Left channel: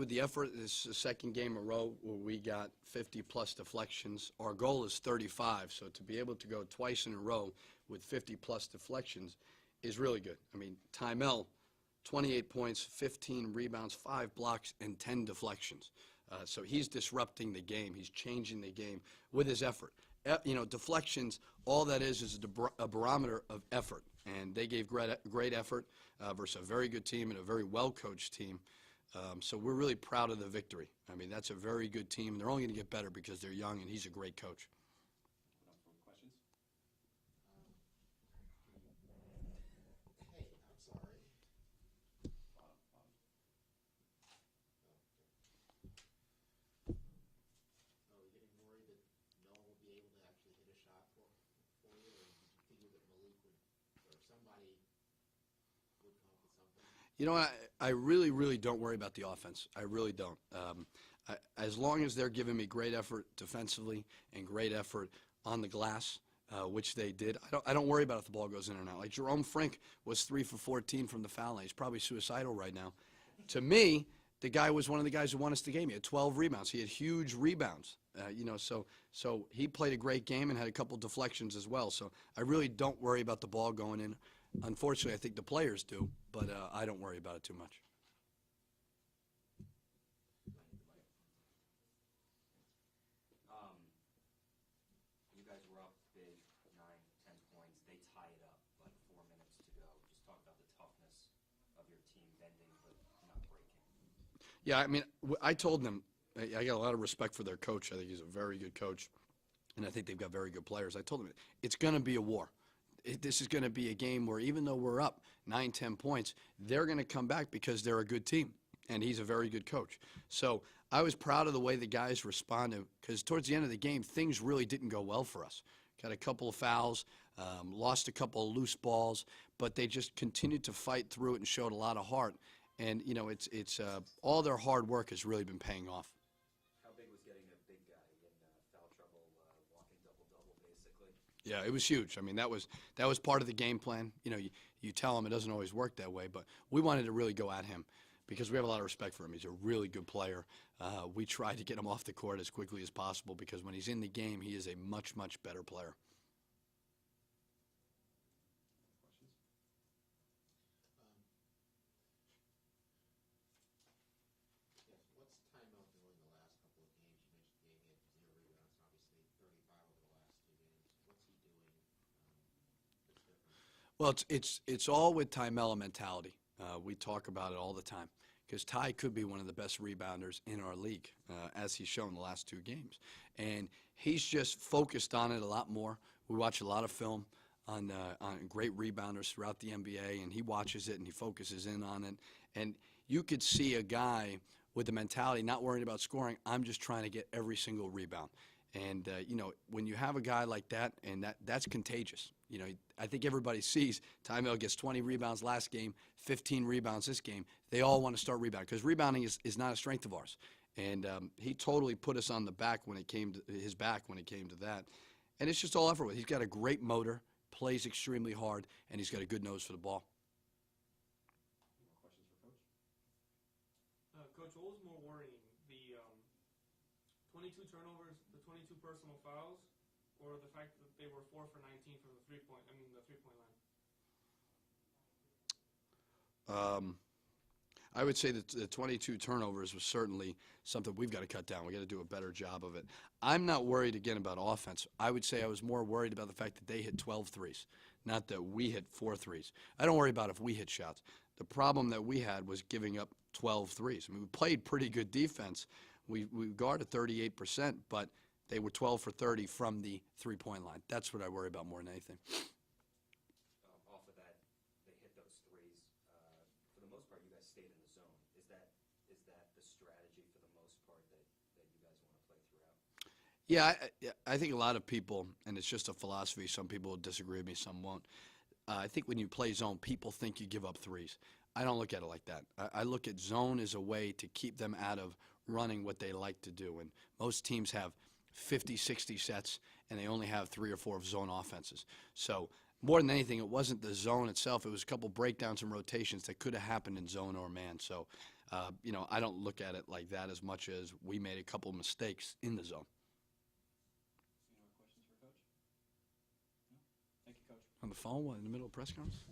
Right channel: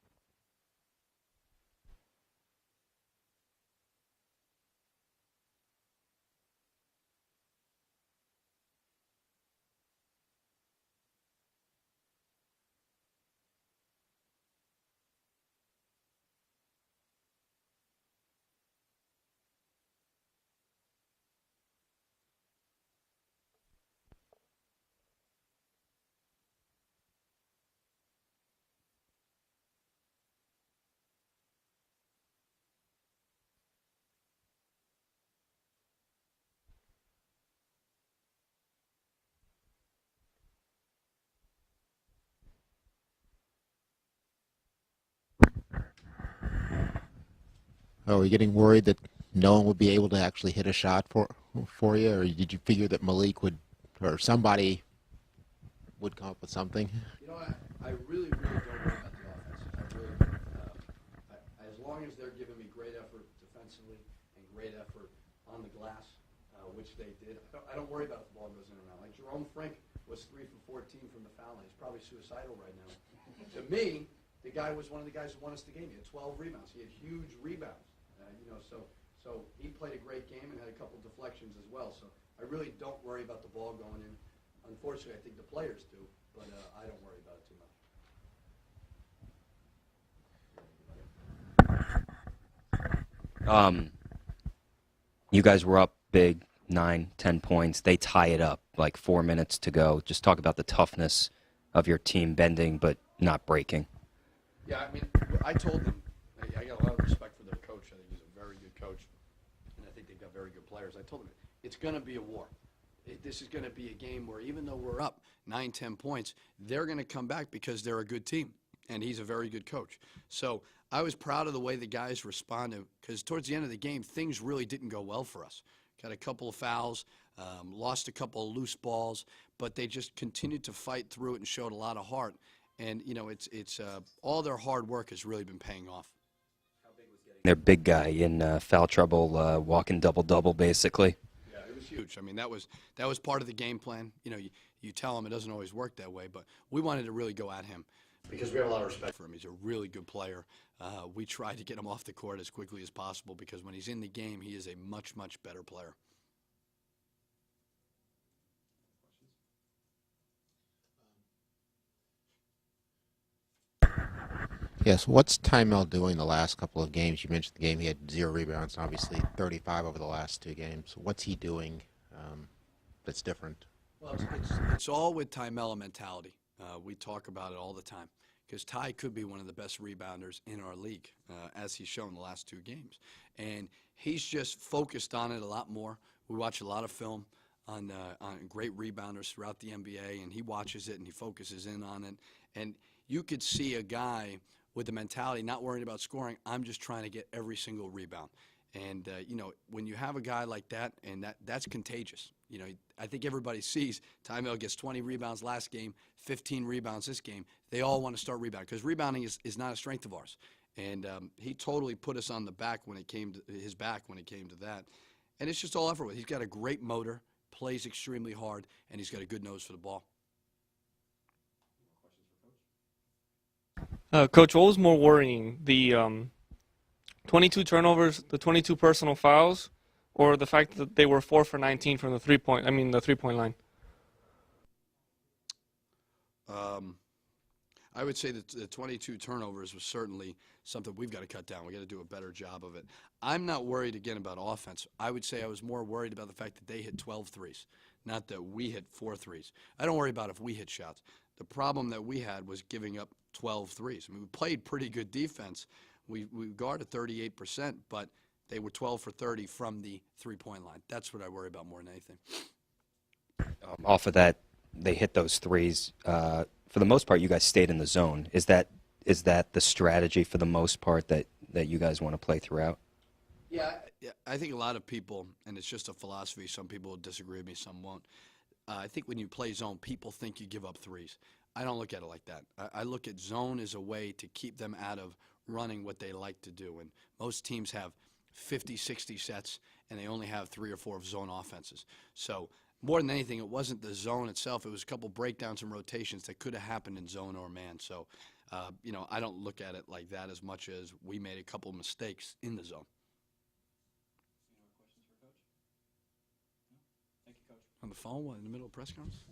with the effort. This is the second game in a row where we got 50-plus deflections. Our goal is 35, so to be able to go twice in a row with 50-plus deflections is really good. I mean, Tymel, 28 points, 15 rebounds, 5 blocks, and 10 deflections. So he's disrupting the game. He's changing the game with his effort. Deflections, all that is a barometer of effort. And they gave great effort versus a very good team and a very well-coached team. So we're really proud of the victory. I mean, that's a very good team. They're only going to get better because they're young, and he's a great coach. Are we getting worried that no one would be able to actually hit a shot for you, or did you figure that Malik would, or somebody would come up with something? You know, I really, really don't worry about the offense. I really don't. As long as they're giving me great effort defensively and great effort on the glass, which they did, I don't worry about if the ball goes in or not. Like Jerome Frink was 3 for 14 from the foul line. He's probably suicidal right now. To me, the guy was one of the guys who won us the game. He had 12 rebounds. He had huge rebounds. So he played a great game and had a couple deflections as well. So I really don't worry about the ball going in. Unfortunately, I think the players do, but I don't worry about it too much. You guys were up big, 9, 10 points. They tie it up, like 4 minutes to go. Just talk about the toughness of your team bending but not breaking. Yeah, I mean, I told them, I got a lot of respect for their coach. I think he's a very good coach, and I think they've got very good players. I told them it's going to be a war. This is going to be a game where even though we're up 9, 10 points, they're going to come back because they're a good team, and he's a very good coach. So I was proud of the way the guys responded because towards the end of the game, things really didn't go well for us. Got a couple of fouls, lost a couple of loose balls, but they just continued to fight through it and showed a lot of heart. And, it's all their hard work has really been paying off. How big was getting their big guy in foul trouble, walking double-double, basically? Yeah, it was huge. I mean, that was part of the game plan. You tell him it doesn't always work that way, but we wanted to really go at him because we have a lot of respect for him. He's a really good player. We tried to get him off the court as quickly as possible because when he's in the game, he is a much, much better player. Yes, what's Tymel doing the last couple of games? You mentioned the game he had 0 rebounds, obviously 35 over the last 2 games. What's he doing that's different? Well, it's all with Tymel mentality. We talk about it all the time because Ty could be one of the best rebounders in our league, as he's shown the last 2 games. And he's just focused on it a lot more. We watch a lot of film on great rebounders throughout the NBA, and he watches it and he focuses in on it. And you could see a guy with the mentality, not worrying about scoring, I'm just trying to get every single rebound. And, when you have a guy like that, and that's contagious. I think everybody sees Tymel gets 20 rebounds last game, 15 rebounds this game. They all want to start rebounding because rebounding is not a strength of ours. And he totally put us on the back when it came to his back when it came to that. And it's just all effort with. He's got a great motor, plays extremely hard, and he's got a good nose for the ball. Coach, what was more worrying, the 22 turnovers, the 22 personal fouls, or the fact that they were 4 for 19 from the three-point line? I would say that the 22 turnovers was certainly something we've got to cut down. We've got to do a better job of it. I'm not worried, again, about offense. I would say I was more worried about the fact that they hit 12 threes, not that we hit 4 threes. I don't worry about if we hit shots. The problem that we had was giving up 12 threes. I mean, we played pretty good defense. We guarded 38%, but they were 12 for 30 from the three-point line. That's what I worry about more than anything. Off of that, they hit those threes. For the most part, you guys stayed in the zone. Is that the strategy for the most part that you guys want to play throughout? Yeah, I think a lot of people, and it's just a philosophy, some people will disagree with me, some won't. I think when you play zone, people think you give up threes. I don't look at it like that. I look at zone as a way to keep them out of running what they like to do. And most teams have 50, 60 sets, and they only have 3 or 4 of zone offenses. So more than anything, it wasn't the zone itself. It was a couple breakdowns and rotations that could have happened in zone or man. So I don't look at it like that as much as we made a couple mistakes in the zone. Any more questions for Coach? No? Thank you, Coach. On the phone, in the middle of press conference?